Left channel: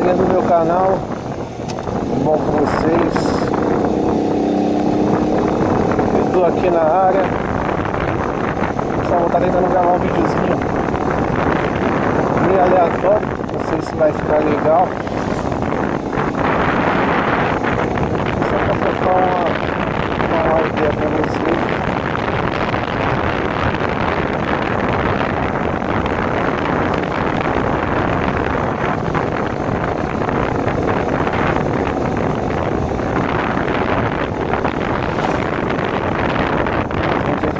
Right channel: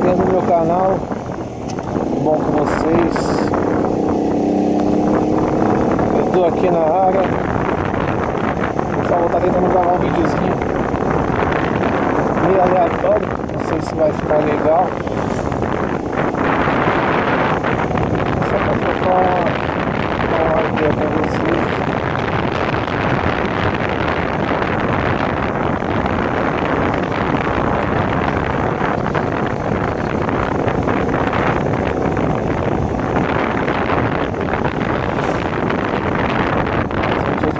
galerinha do meu canal, tudo bom com vocês? Eu tô aqui na área, só vou estar tentando gravar um videozinho meio aleatório, não sei se vai ficar legal, só pra trocar uma ideia com vocês.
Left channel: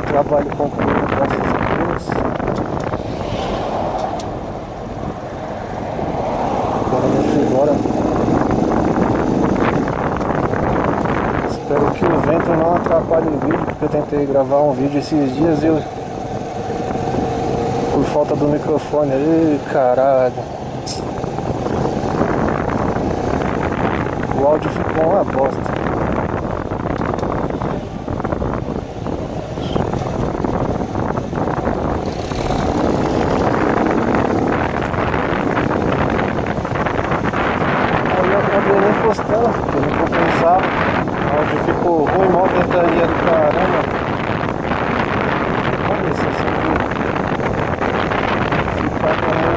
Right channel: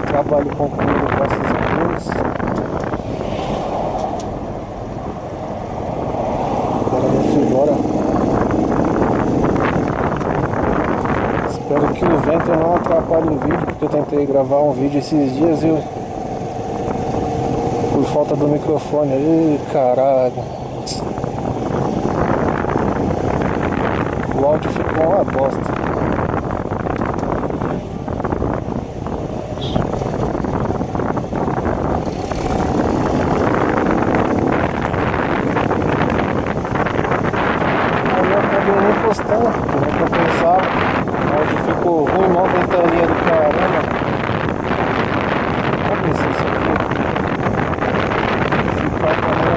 Trabalho concluído, graças a Deus. Agora vamos embora. Espero que o vento não atrapalhe o vídeo, porque eu tentei gravar um vídeo esses dias e eu, por falta do microfone. Ih, caralho. O áudio ficou uma bosta. Eu acabei nem postando, porque não compensava. O áudio ficou ruim, mó ventania do caramba. Vamos ver se isso aqui ficar também.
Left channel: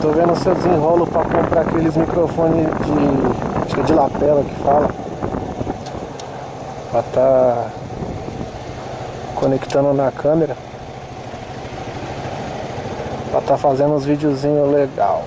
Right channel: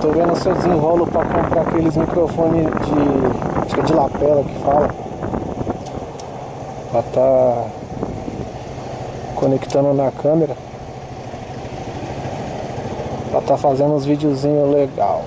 Tô vendo se eu desenrolo pra comprar aqueles microfones de... acho que é de lapela que fala, pra tá conectando na câmera, pra tá fazendo uns videozinhos legal.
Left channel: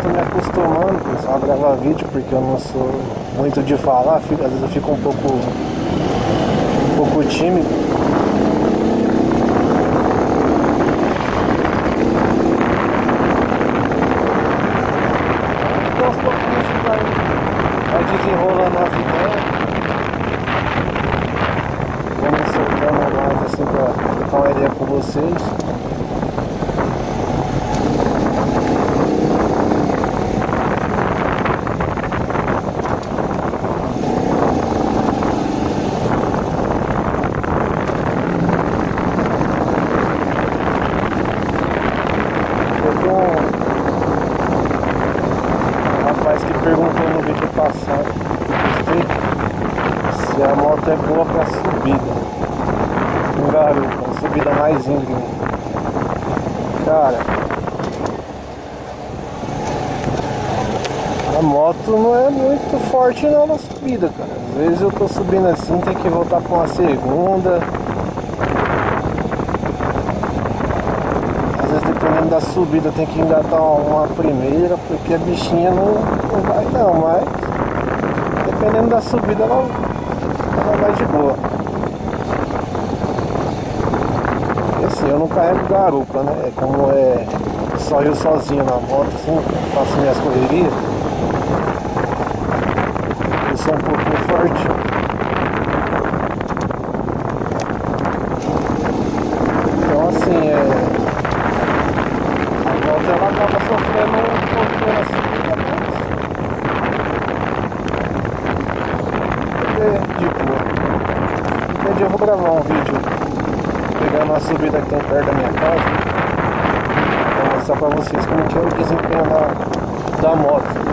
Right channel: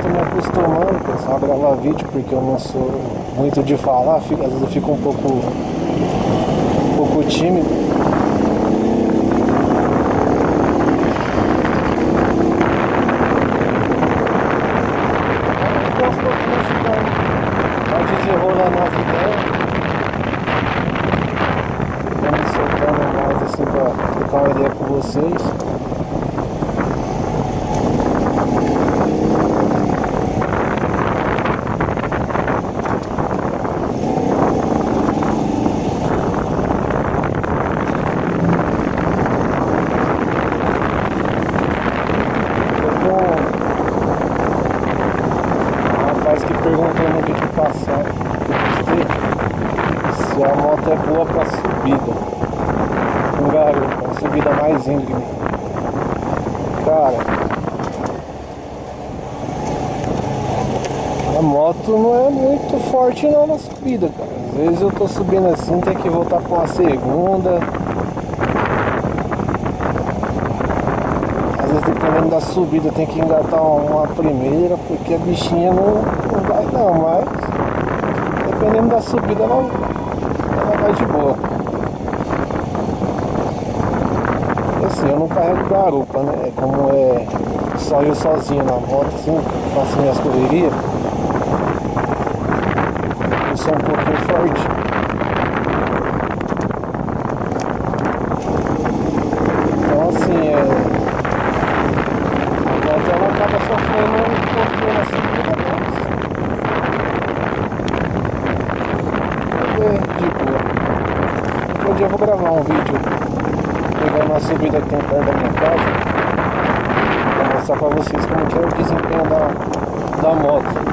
Tô me acostumando, pessoal, a gravar vídeo, porque eu não sou muito de falar, às vezes eu fico um pouco tímido. Então aos poucos a gente vai desenrolando as ideias, vou me soltando mais assim pra trocar uma ideia com vocês. Um rapaz que perguntou no vídeo passado que eu postei se a moto é boa pra subida com garupa, uma subida mais íngreme. Cara, a moto não é muito forte não na subida, cara. Às vezes eu tô subindo assim, tem que voltar pra uma segunda. Às vezes dependendo da subida tem que engatar uma primeira, porque a bichinha não vai não, mas dependendo da subida ela vai de boa. E assim, eu não carrego garupa, né? Como é só eu sozinho na moto, assim, faço minhas correrias, eu sou um pouquinho forte. Então assim, a moto ela acaba sofrendo um pouquinho na subida, mas é de boa. Qualquer dia eu vou gravar um vídeo pegando uma subida que tem perto da minha casa, pra mostrar pra vocês como que é o desempenho da moto.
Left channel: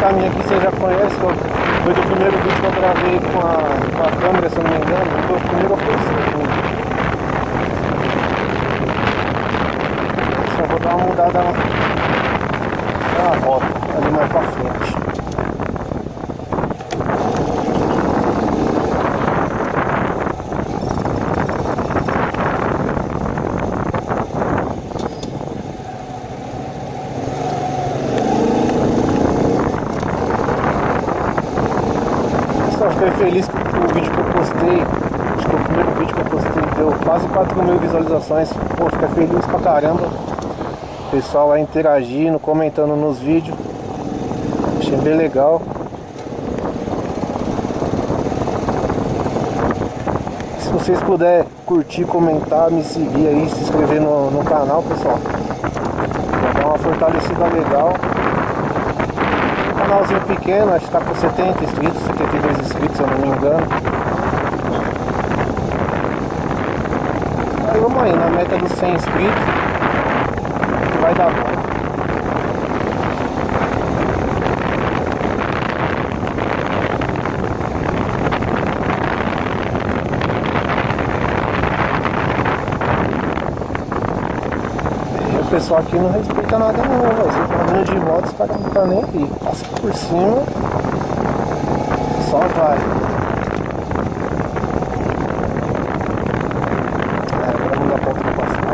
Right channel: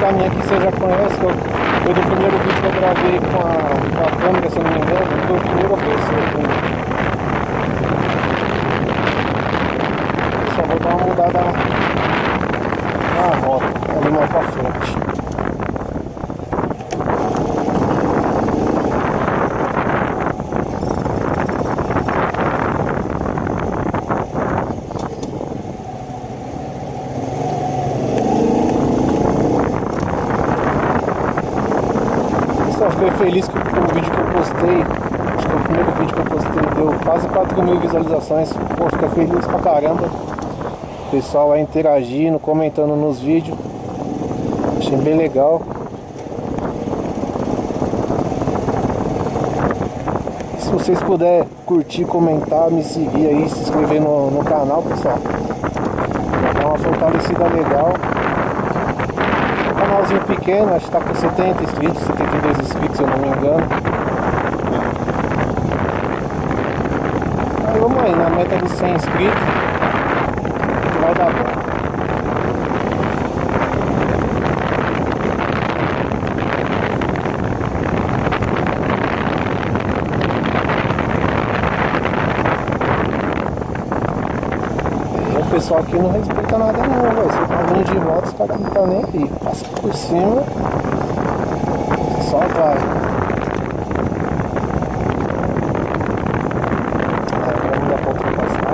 caminho aqui você já conhece, foi do primeiro vídeo que eu gravei com a câmera, se eu não me engano. Não foi o primeiro ou foi o segundo. Só vou dar uma mudada na rota, ali mais pra frente. Pessoal, fiquei feliz com o vídeo que eu postei. Acho que foi o primeiro vídeo que eu postei, deu quase 4.000 visualizações. Pô, fiquei feliz pra caramba. O pessoal aí interagindo, comentando nos vídeos. Achei bem legal. Se vocês puderem curtir, comentar, me seguir aí, se inscrever no canal, pessoal, já dá uma fortalecida legal. Canalzinho pequeno, acho que tá com 70 inscritos, 72 inscritos, se eu não me engano. Aí vamos aí, na meta dos 100 inscritos, que vai dar bom. O pessoal aqui não respeita nada não, velho. Você tá vindo de moto, os caras não tá nem aí. Passa por cima, só vai. Agora não dá ponto pra passar.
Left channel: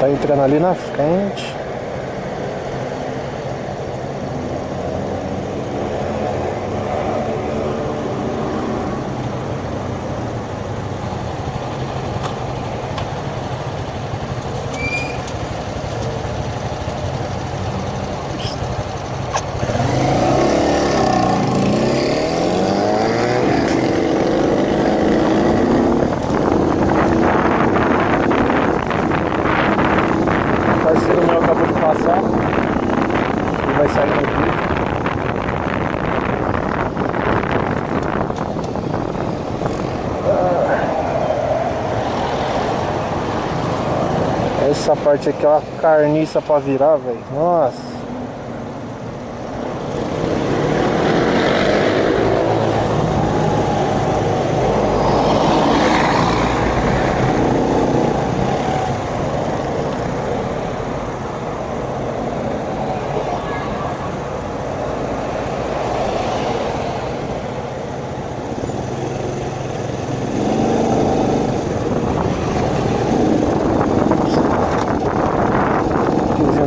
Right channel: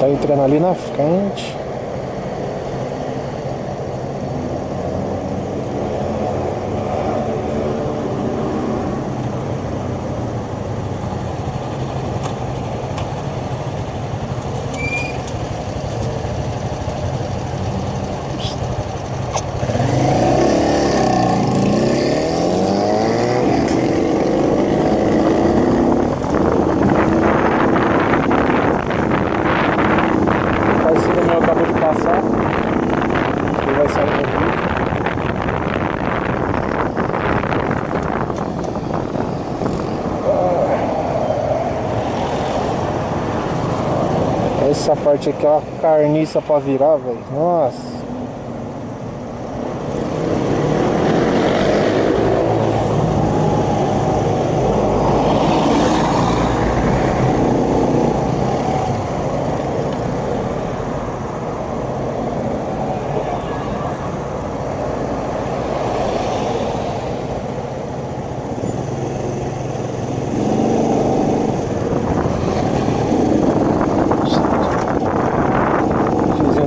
Tá entrando ali na frente. O parceiro meu acabou de passar. Ele vai sair no vídeo. Essa parte aqui é uma carniça pra virar, velho. Nossa.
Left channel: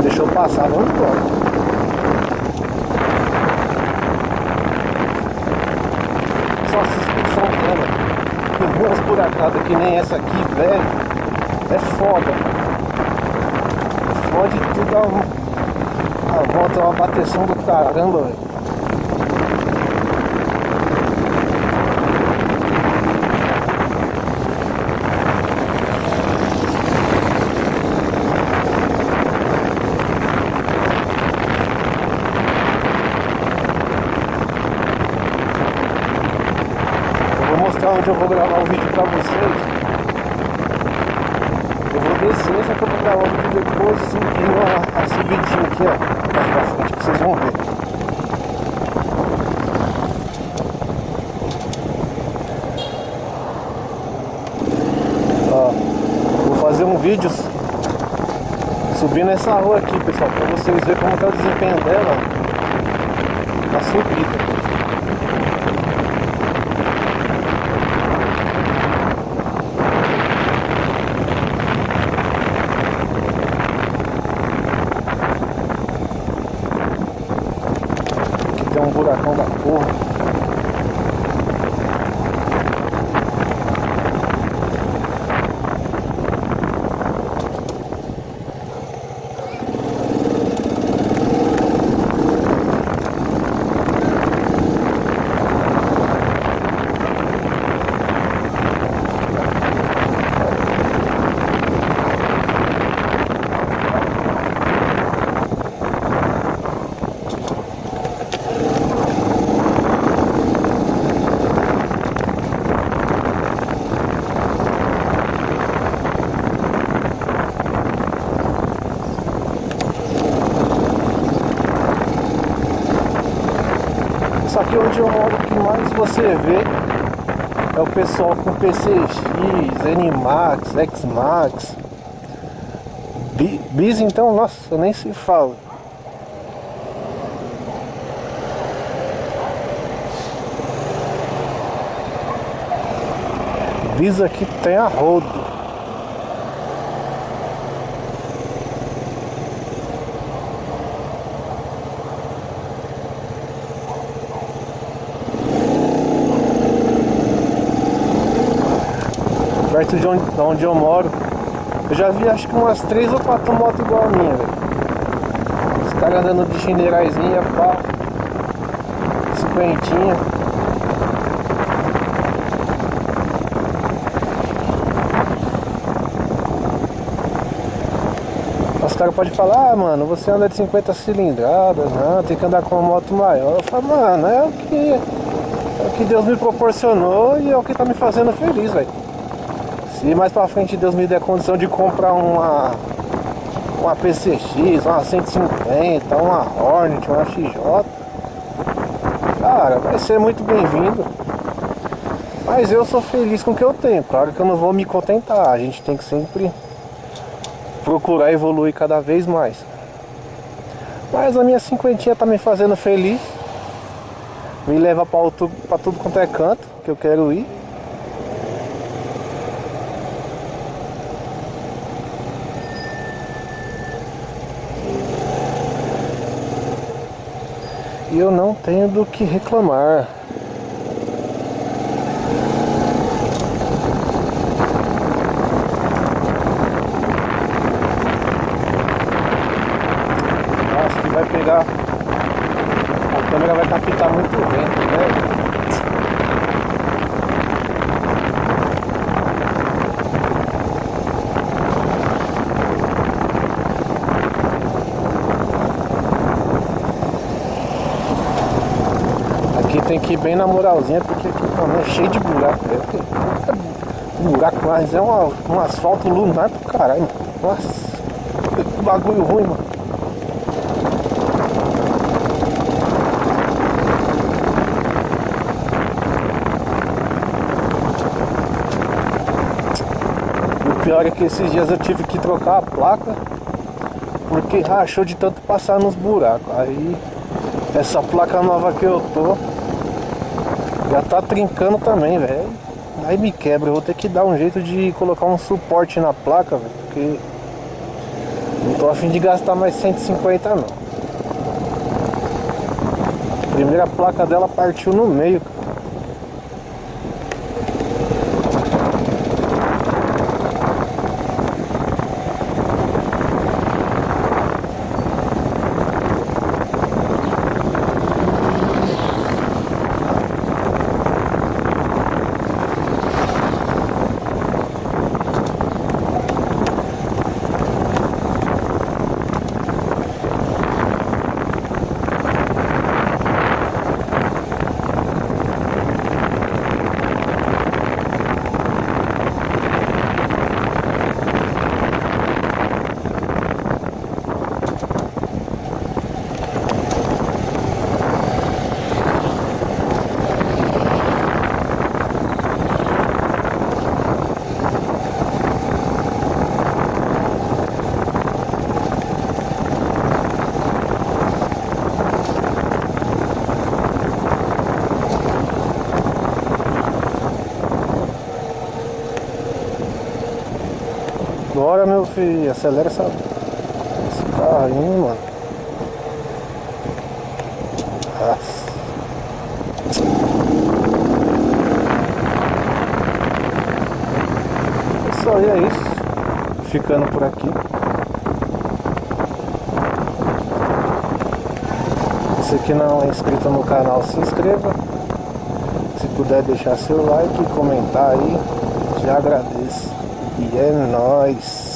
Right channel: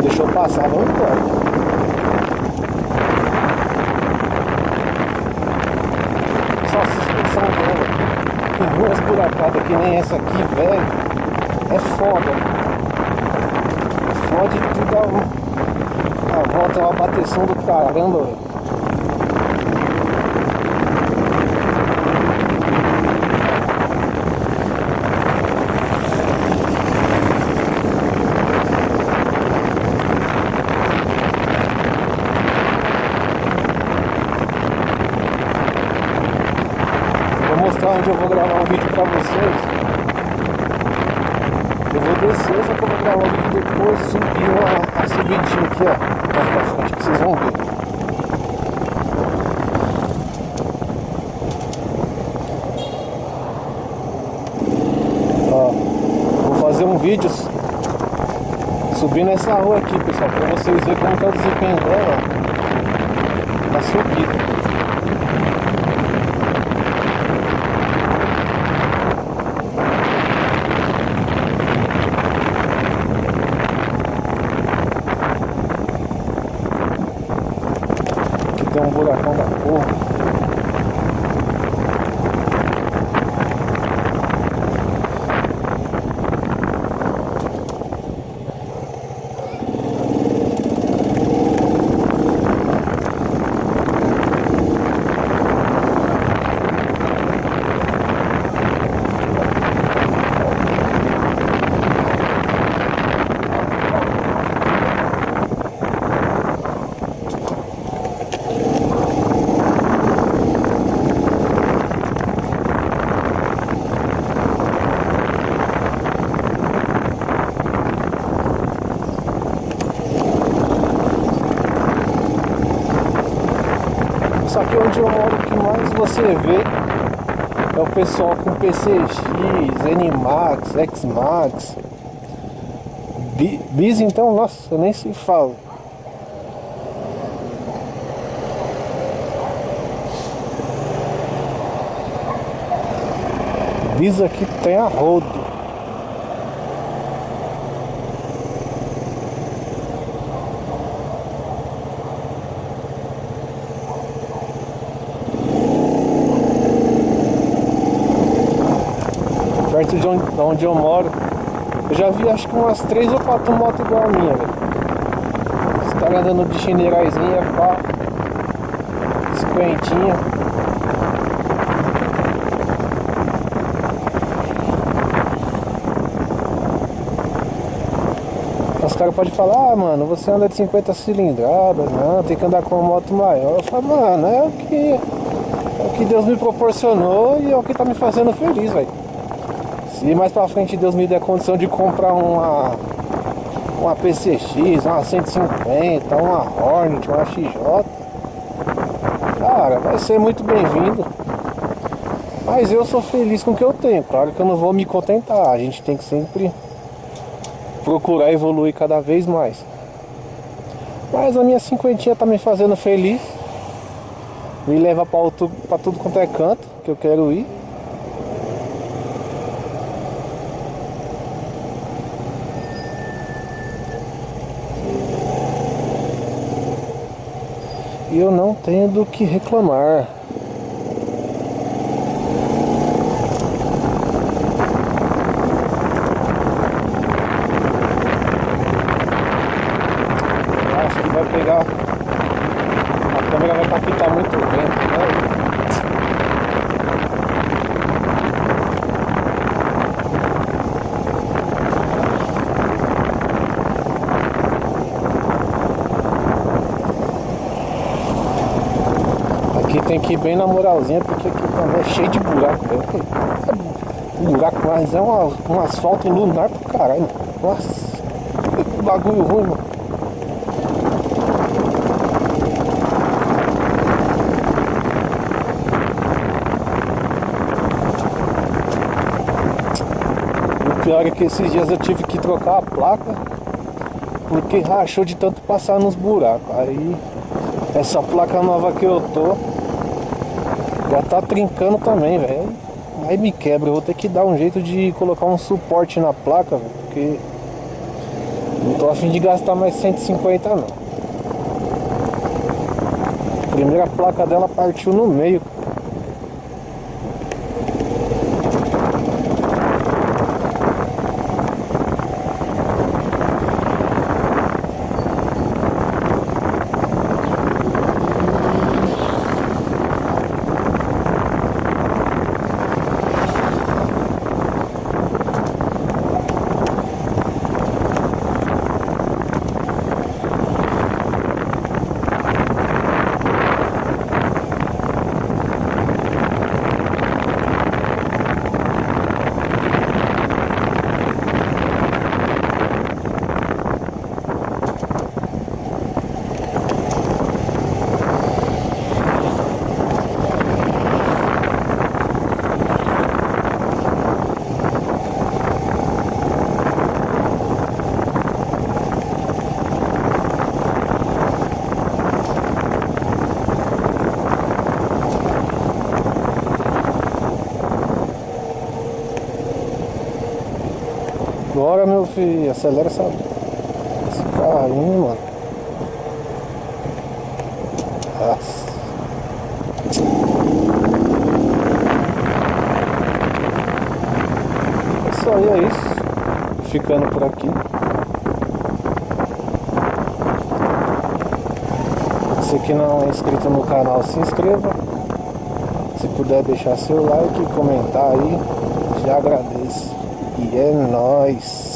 Deixou passar, vamos embora. Só a suspensão dela tem umas buracadas que nem essa aqui, velho. É foda. Fode tudo a volta, é uma bateção do caramba, velho. Vou mostrar onde eu vou gravar o vídeo pra vocês. Eu vou descer, só que eu vou gravar o vídeo depois, subindo a subidinha aqui, ó, mais pra frente, que vocês vão ver. Ó, vou fazer um vídeo subindo essa rua aqui, pessoal, pra vocês verem como que é o desempenho dela na subida. um buracão da porra. Só que onde eu moro, o que mais você vê é o pessoal com PCX, NMAX, XMAX, Bis, então, nossa, nem se fala. Bis aqui tem a rodo. Perto de onde eu moro, eu já vi acho que umas 3 ou 4 motos igual a minha, velho. Os caras andando de chineirais,inha, pá, cinquentinha. Os caras podem falar, ah, mano, você anda de 50 cilindradas, não, tem que andar com uma moto maior. Eu falo, mano, é o que Deus me proporcionou e é o que tá me fazendo feliz, velho. Se mais pra frente Deus me der condição de comprar uma PCX, uma 150, uma Hornet, uma XJ, cara, vai ser muito bem-vindo. Mas eu sou feliz com o que eu tenho. Claro que eu não vou me contentar. A gente tem que sempre procurar evoluir cada vez mais. Mas a minha cinquentinha tá me fazendo feliz. Me leva pra tudo quanto é canto que eu quero ir. E eu não tenho do que reclamar. Eu acho que vai pegar. A câmera vai captar muito vento, né? Aqui tem que ir bem na moralzinha, porque aqui também é cheio de buraco, velho. Buraco, mas é um asfalto lunar pro caralho, mano. Nossa, que bagulho ruim, mano. E o pior é que esses dias eu tive que trocar a placa, porque rachou de tanto passar nos buracos. Aí, essa placa nova que eu tô já tá trincando também, velho. Aí me quebra, eu vou ter que dar um jeito de colocar um suporte na placa, velho, porque não tô a fim de gastar mais 150 não. A primeira placa dela partiu no meio. Bora, meu filho, acelera esse carro aí, mano. Nossa. pessoal, e é isso. Ficando por aqui. Você que não é inscrito no canal, se inscreva. Se puder deixar seu like e comentar aí, já agradeço. E é nóis!